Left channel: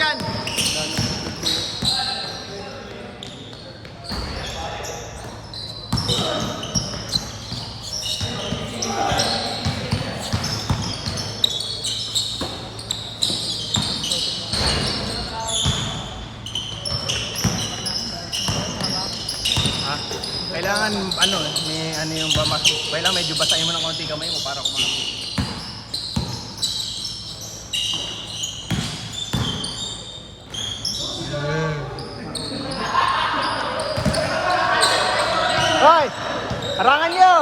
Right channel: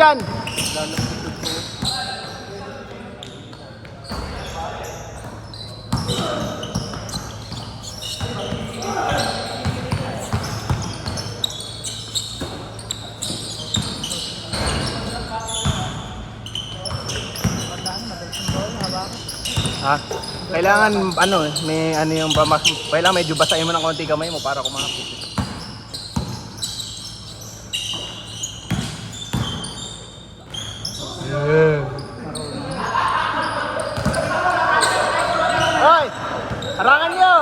dyan. Kailangan ano, may ano yung bamas mo. Kailangan medyo basahin mo ng konti kamay mo para kumain. Hoy! Harangan niyo!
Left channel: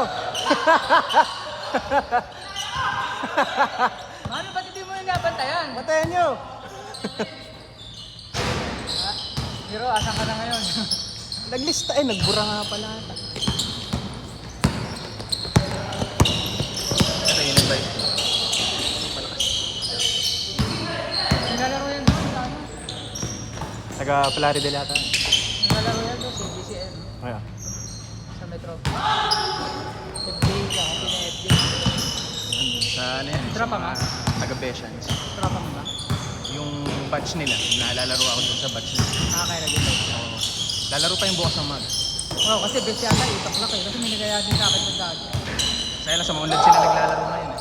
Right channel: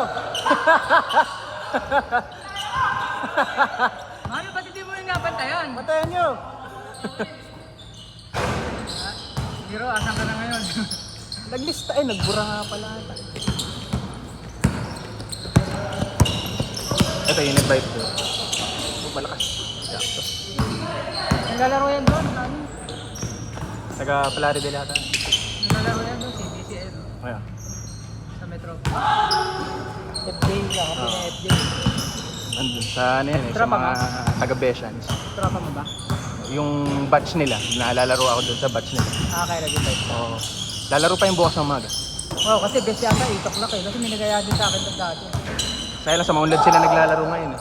Mano, ba't hindi mo yung nabantayan? Patayan niyo! Biro, asan ka na ngayon? Naglista nagbura nga pala. Ito yung live ko. Malakas. Naglalaro yan doon, ano? Taga-Florida din natin. Naglalaro yan doon, sa GCM. Ayun. Sa Metro. FJ, ako din FJ. Nandun sa ano yan, sa Drama mga ba? taga-Besians. Drama mo ba? Yung batch nila, nalalaro ako doon sa batch nila. Nakakairagay. So, lalaro pa yung bukas ng umaga. Oo, kasi best yata itak na kayo. Kasi may nagaya din sa akin sa dati. Kaya lang sa Maunlad sila naglalaro ngayon.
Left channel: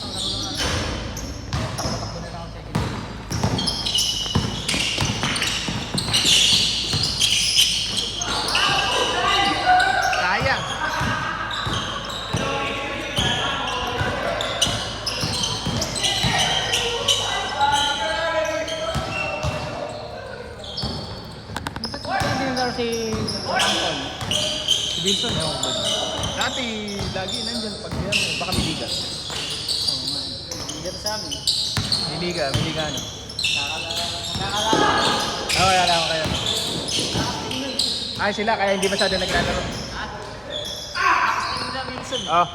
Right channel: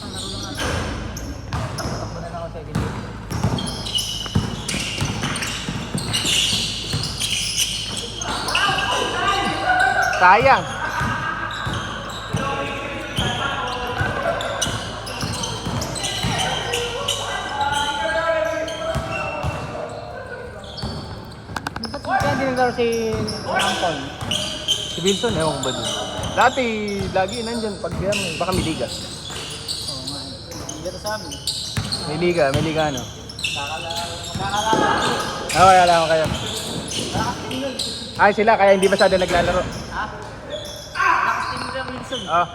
Ang laro lang natin. Takbo-takbo na lang ako sa video. Sayang! Ba't hindi naglalaro si Anton? Si Wilson, ewan ko ba dyan? Dati, lagi nandyan pag yan, baka may liga. Dito sa amin. May liga ano. Oo, kaya lang kayo. Ay sila, kaya hindi masyado naglalaro. Ha? Lakas din nila Wilson. Oh.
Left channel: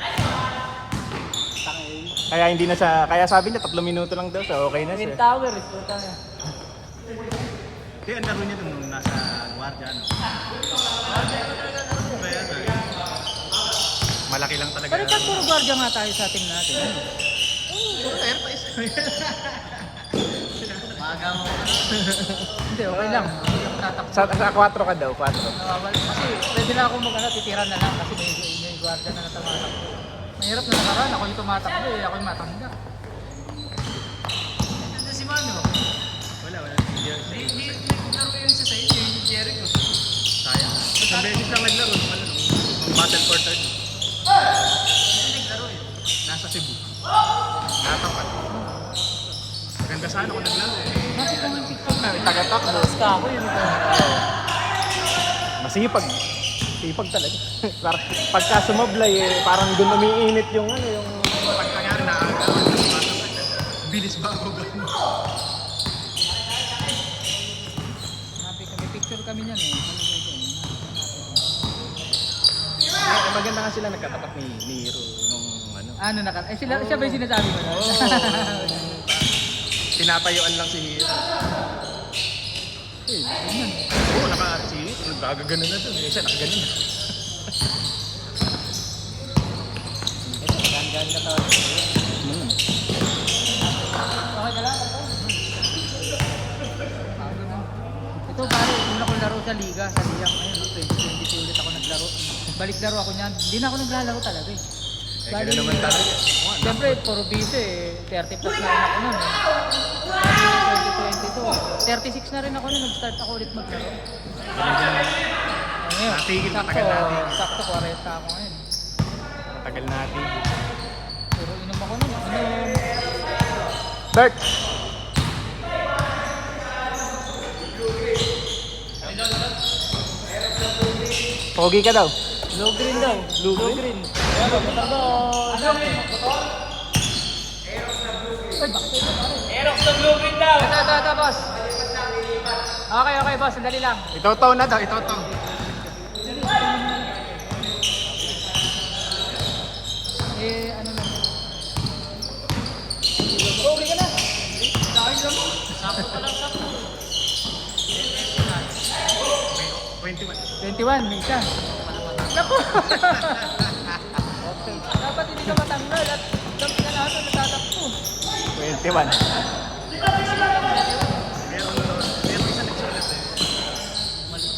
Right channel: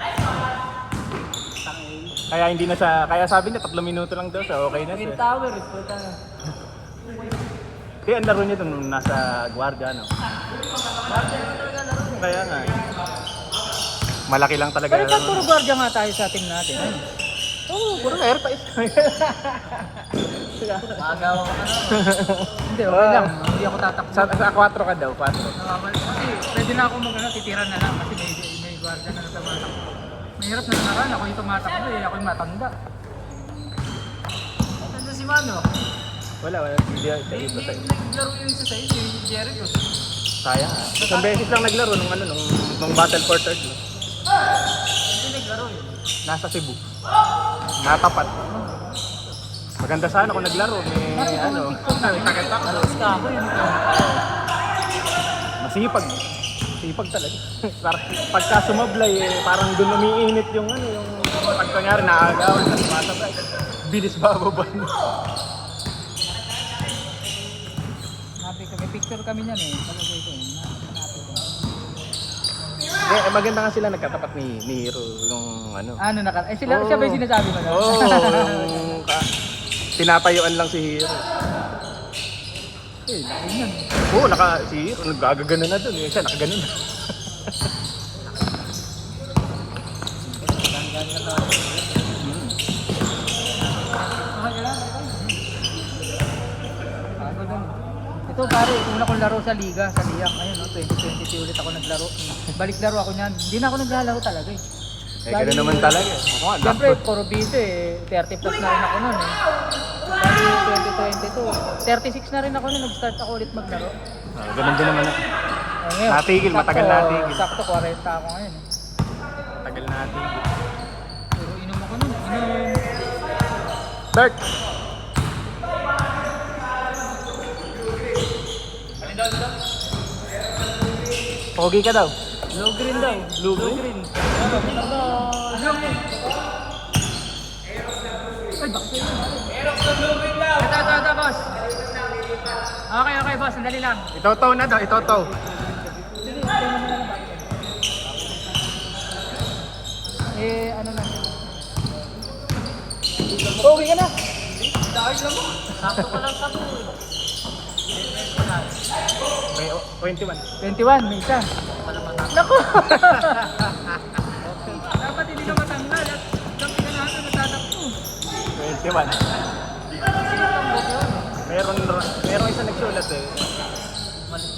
Kaya hindi na sa, kaya sabi niya 3 minuto lang daw, so okay na Twin siya. Tower, is po tayo. Kaya ang laro niya nung nasa gwardiya, no? Bakit naman talaga laro? Kaya nga. Malaki lang talaga. Pero dyan puro guardia nga tayo sa team natin. Oo, puro airties. Magawa ka na. Hindi, okay lang. Hindi ako tatakbo. Sa 4 ka daw, 4. Nawawala. Kasi pwede na ako titira na lang kasi may guardia na tumatakbo. Mahirap na nakaraan. Ako yung tumatakbo eh. Ako yung matamba. Ito si Mano. Wala. Hindi naglaro yung isa sa inyo, yung Jericho. Sayang. Isang beses lang naglaro nung Battle for Third. Hindi naglaro yun. Nasa Cebu. Natapat. Maganda sana kung naglaro. May takip-tak. Basta ako yun. Masipag. Sipag talaga. Pagka sumoblay, parang doon umiinit yung pag kanyari naagaw, nagmasabay. Bilis bababa. May picture kami niyan eh. Maganda nga sila nagkatapat ni Hero nung ano. Ano naka? Eh sila, siya ba yung sinasabi mo? Oo, yung tinatayuan lang si Hero. Oo, si Hero, nagagano na doon. Yung isa nakaganon. Okay ka lang. Ito pare, una akong laro sa Liga, sa Liga. Ngayon, 2022 ulit ako naglaro. Balik laro ako niyan. Hindi na ako naglalaro talaga eh. Eh, gano'n naman talaga. Siyempre, puro busy eh. 30 plus na ako nun eh. 2022. 36 na rin ako nun. Nag-start ako ulit maglaro. Ganun. Ngayon, Natigil, matagal natin. Sakto 40 ako ngayon. Tagal natin. Puro inom ako nun. Start! Pogi ka daw. Blue green daw. Blue green. Ano? Ay, bakit yun? Aerox ng blue green daw. Ito, boss. Okay, boss. Sandali lang. Itotow na daw, itotow. Ano na? Pogi ka na. Sakto pa lang sa po eh. May 21. 21, may isa. Naku! Dapat hindi ka matanggal at dami ka lahat na natatakbo. 21. Meron isa nagsulat eh. Mali.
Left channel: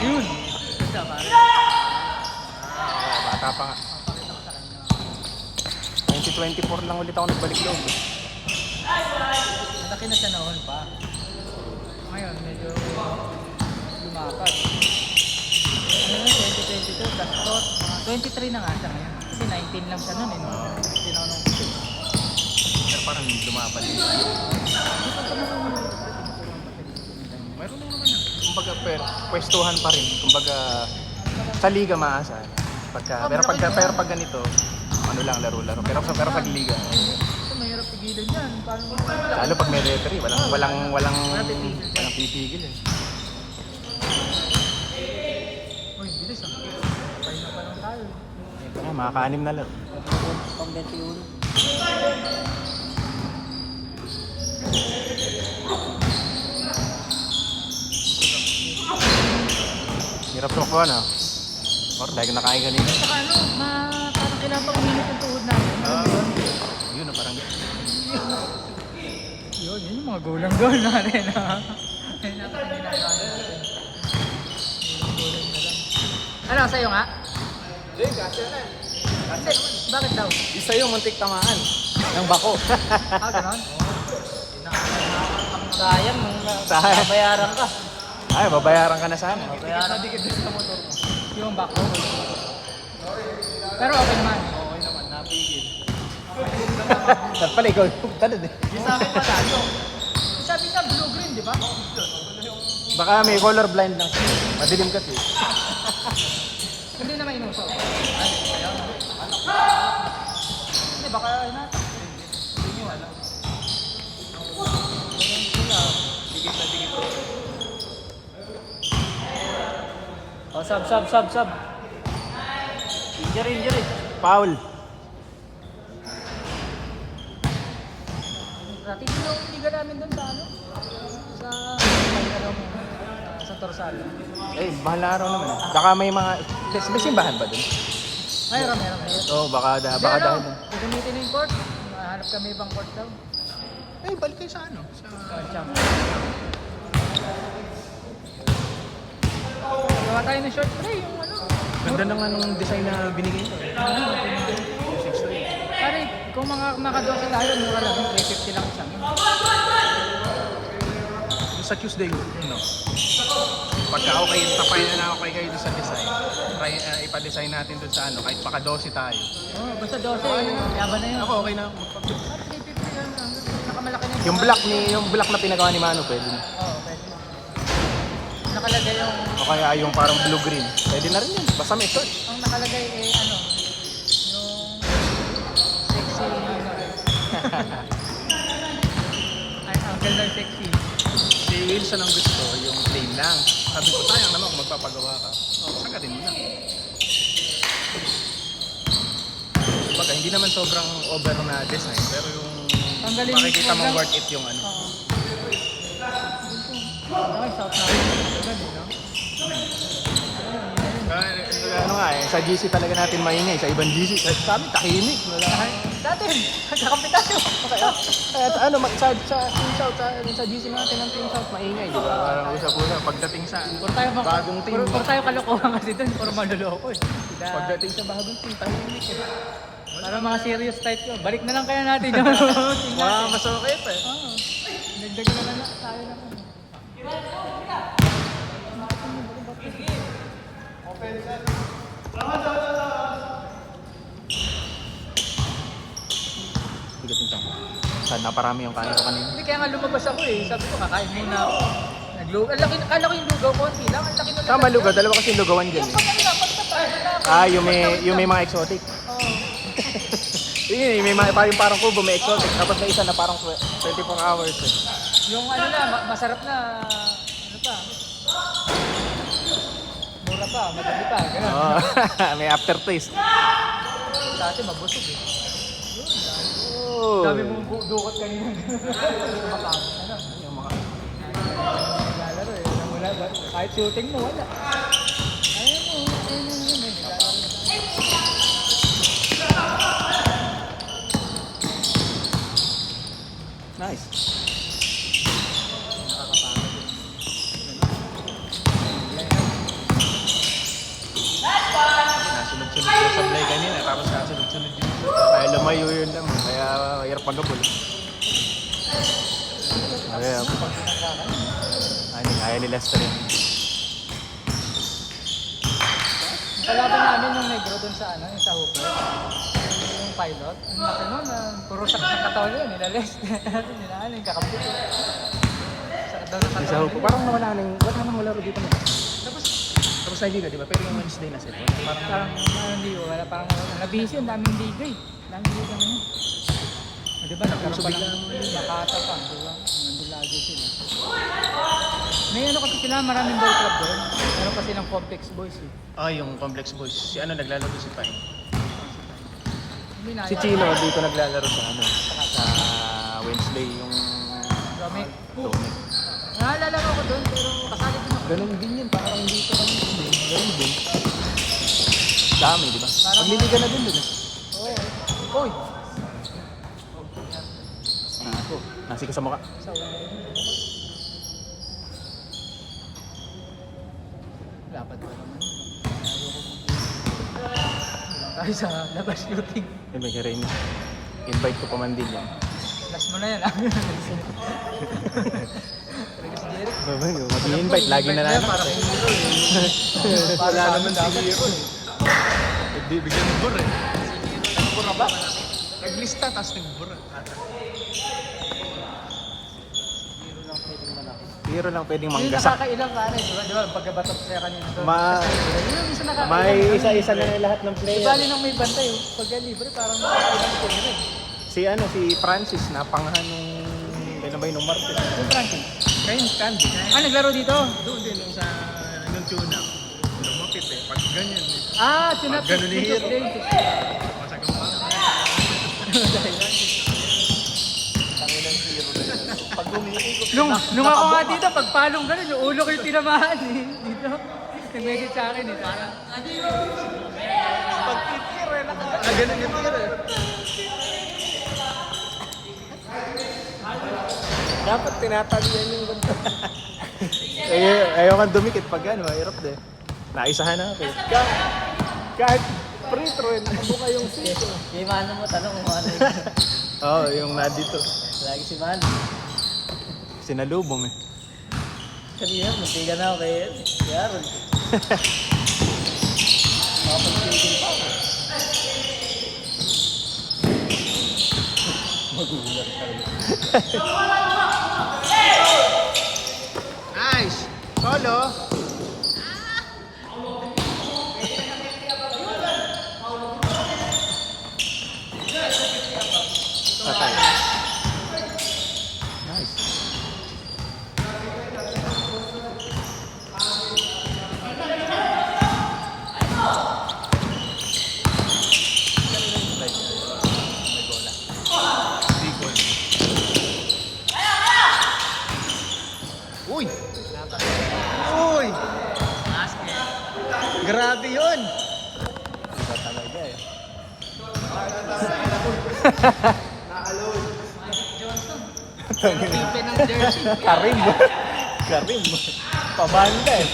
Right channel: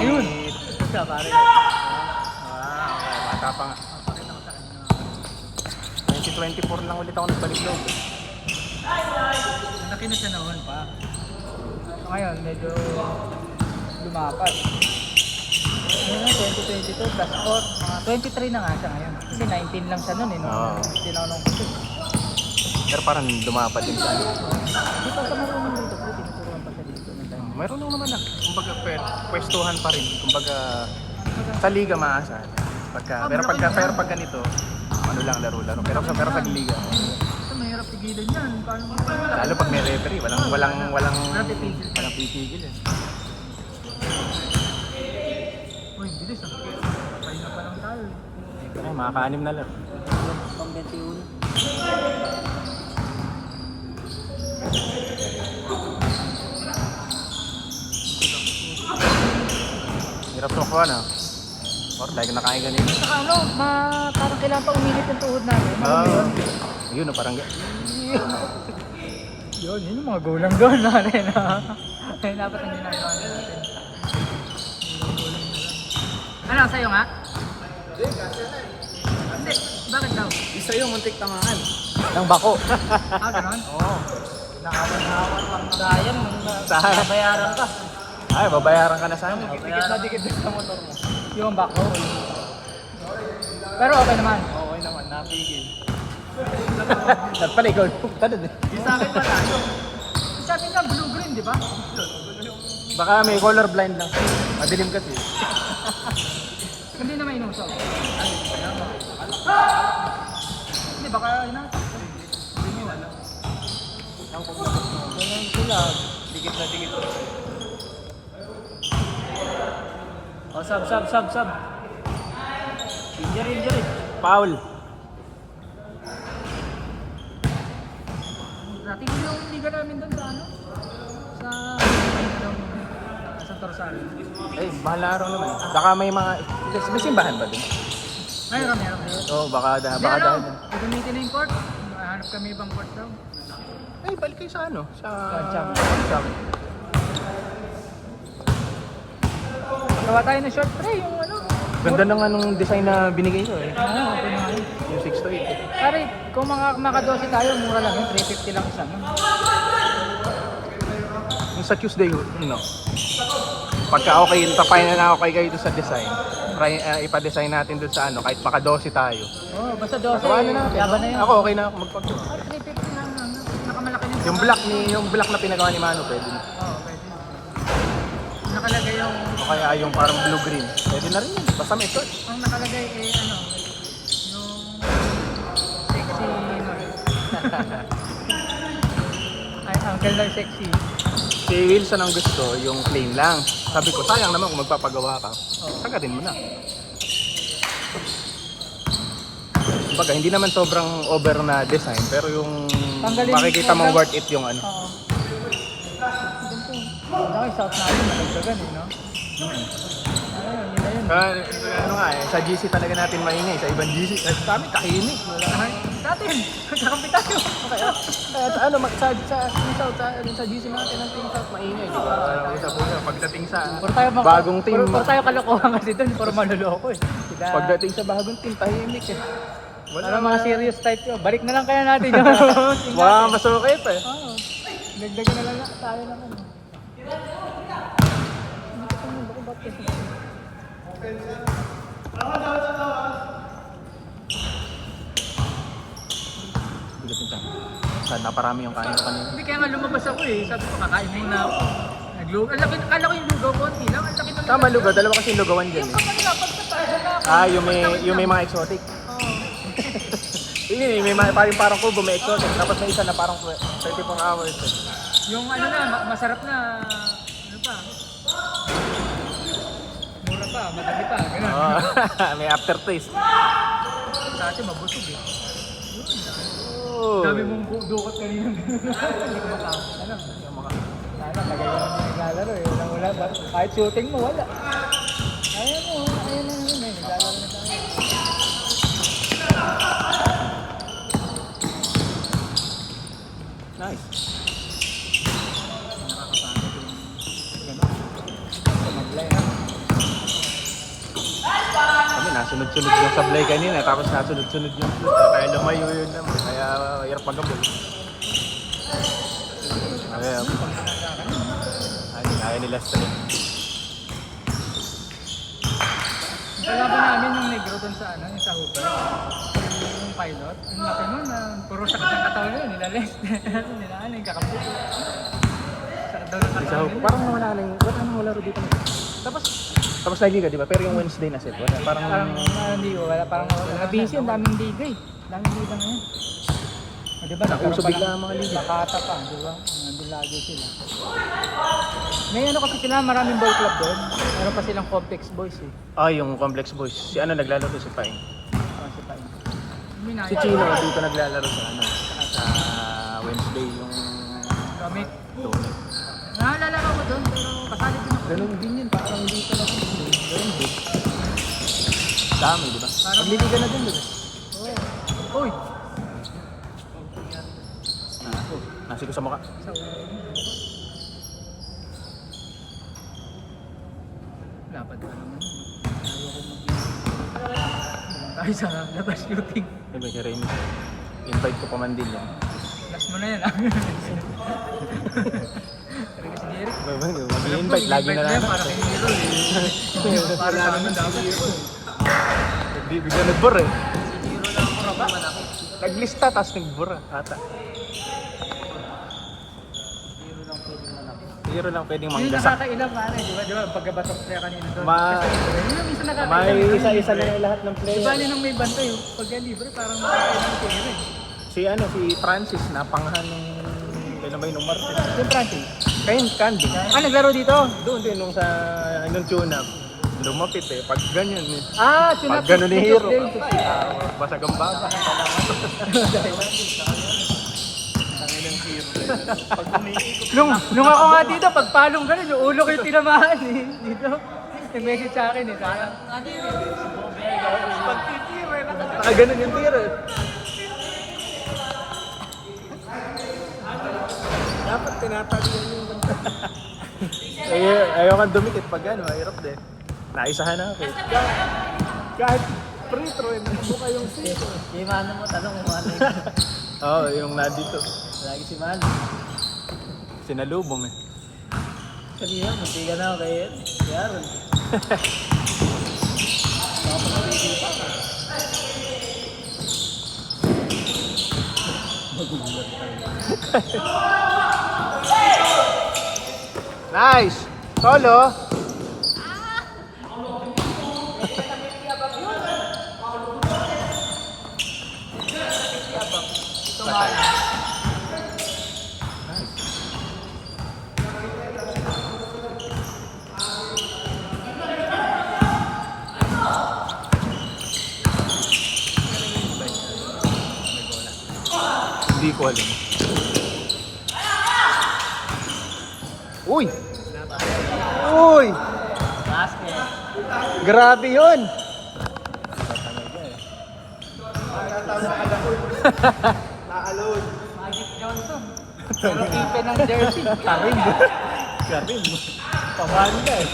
Ayun. Lang ulit ako nagpapalagyan. Malaki na siya noon pa. Ngayon, medyo lumakas. Ngayon, 2022, plus 23 na nga siya ngayon. Kasi 19 lang siya noon eh. Oo. 19 ako nun. Pero parang lumapad din. Mayroon lang naman na. Kumbaga, pwestuhan pa rin. Kumbaga, sa liga maasa. Pero pag ganito, ano lang, laro-laro. Pero pag liga, Ito, mahirap pigilan yan. Paano mo wala? ano pag may referee, walang Walang pipigil dyan. titigil. Uy, bilis ah. Patay na pa lang tayo. Ayun, mga kaanim na lang. Hirap na po ano. Dahil nakain kanina. Saka ano, parang kailangan pa umilit ang tuhod natin. Yun na parang Yun yung mga gulang-gulang natin ha. Dapat ang ginagawa natin. Gulang na lang. Ano, sa'yo nga? Hindi, bakit daw? isa yung muntik tamaan ng bako. Ah, ganon? Oo. Nakawan-hawan pang sayang. Bayaran ka. Ay, babayaran ka na sa amin. Bayaran ka. Yung back. Pero okay naman. Okay naman, napigil. Dapat pala ikaw. Tanod eh. Yung sa akin pala, yung sabi nga blue-green, di ba? Baka may color blind lang. Madilim kasi. Hindi naman inuso. Ay, kaya mo. Hindi, baka hinatak. Hindi nyo alam. Dikit na dikit. Oh, sub. Injury. Foul. Tigil na yung liga namin doon sa ano? Sa Torsal. Eh, malaro. Baka may mga... May simbahan ba doon? Mayroon. Oo, baka Hindi, ano? Gagamitin na yung court. Hanap kami ibang court daw. Eh, balik kayo sa ano? Sa... Gawa tayo ng short. Ay, yung ano? Ganda ng anong design na binigay nyo eh. Yung 6-3. Pare, kung mga nakadosi tayo, mura lang yung 350 lang sa amin. Yung sa Tuesday, no? Pagka okay, tapayan na okay kayo doon sa design. Try, ipa-design natin doon sa ano, kahit maka 12 tayo. Oo, basta 12, laban na yun. Ako okay na ako magpapit. 350 lang, nakamalaki na Yung black na pinagawa ni Mano to. Oo, pwede. Nakalagay yung, Kaya yung parang blue-green. Pwede na rin yun. Basta may touch. ang nakalagay eh, ano, yung sexy, ay, ang ganda yung sexy. Si Wilson ang gusto, yung plain lang. Sabi ko, sayang naman kung magpapagawa ka. Sagatin mo na. Kumbaga, hindi naman sobrang over na design, pero yung Tanggalin makikita mo mong yung- worth it yung ano. Okay, sa Sa GC talaga natin maingay, sa ibang GC. Kakinig. sa atin, kakampi tayo. Ano, sa GC natin maingay. Pagdating sa bagong team, Puro tayo kalokohan kasi doon, puro maluloko eh. pagdating sa bagong team, tahimik eh. Ano mga serious type ko, balik na lang kaya natin yung Wow, masukay pa eh. Oo. Nagdagan naman ito tayo naman. Naparami yung kaya kanina. Hindi kaya nga lumabas ako eh. Sabi ko kakain muna ako. Lugaw. Kala ko yung lugaw konti lang. Ang laki ng Saka malugaw, dalawa kasi lugawan dyan. Yung pag ano na, pagtatawid na ako. Yung may mga exotic. Oo. Yung may mga parang kubo, may exotic. Tapos may isa na parang 24 hours. Yung ano na, masarap na, ano pa. Mura pa, madali pa, gano'n. May aftertaste. Dati mabusog eh. Oh. Dami mong dukot kanina. Ano? Naglalaro eh. Wala na. Kahit shooting mo, wala. Ayun mo. Nice. Nakakapagod yung... Nasunod-sunod yung sablay kanina, tapos nasunod-sunod yung shoot. Kaya lumayo yun. Kaya mayroon pa ganun. Ayan. Ay, nila style. Wala ba namin nung negro doon sa ano, yung sa Hooper? Yung pilot? Yung laki mo na puro sakit ng katawan yun, nilalis. Nilaan yung kakapit. Sakit daw ng katawan yun. Huwag naman malaro dito. Tapos lagi ka, di ba? Pero yung Wednesday na sila. Parang Hindi, wala. Parang nabisi yun, daming liga eh. Daming liga na yun. Di ba? nauso bigla ang mga liga. Nakatapan, di ba? Nandun lagi sila. May ano kasi kailangan maraming ball club doon. Meron kasi ng complex boys eh. Yung Complex Boys. Si ano naglalaro si Pai? Hindi na. Si Chino dito naglalaro sa ano. Wednesday yung... Kami. Naalala ko doon pero kasali din ako. Ganun din yun. Parang hindi ko na din. Dami din. Parang Hindi ko na din yun. Oo. Oy! Iko. Ang sika sa mukha. So, dapat pa naman yun. Ayoko mag- tayo sa labas shooting. May rin. Invite ko pa man din. Last mo na yan ah. Alam ko, Invite lagi na yan lang. para kay Miro eh. Para sa amin dapat. Hindi bigyan nagbura eh. Si Miro lang puro ba malaki. Naglista tapos nagbura. Ata. Zero lang pwedeng Yung magkasa. nakakailang paano eh, di ba? Di ba? Pagkabatok kaya kanina doon. Yun yung isa nakakailang. May isa-isa na lahat ng Di player. bali nang may bantay oh. Pagka libre parang nakakailang player eh. Si Francis na pangalan ng ano ba yung number? Si Francis. Kaya Candy. Naglaro dito? Doon din nung tune-up. Lumapit eh. Pag ganyan. Tunap. Pag ganun ni Hero. Masagang pa. Nung ako nga dito, pagpalong gano'n, yung ulo ko yung tinamaan eh. Dito, nag-message sa akin eh. Parang, ano yun? Pagtitira eh. Pag ganun yung tira eh. Dapat tinatalian yung ganun. Ayaw nga dumikit pag gano'n. Mahirap din. Naisahan na ako. Kahit free throw, nabuka yung sito. Yung mano mo, tanong yung mano mo. Oo, yung nandito. Lagi si mano. Sinalubong eh. Kanina, matiga na ako kaya. Yaron. Nice! Solo! Hindi ko alam. Uy! Uy! Basket. Grabe yun! Johnson. Pagkikin ng jersey. Karim. Karim. Pamanda eh.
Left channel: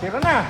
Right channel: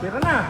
Tira na!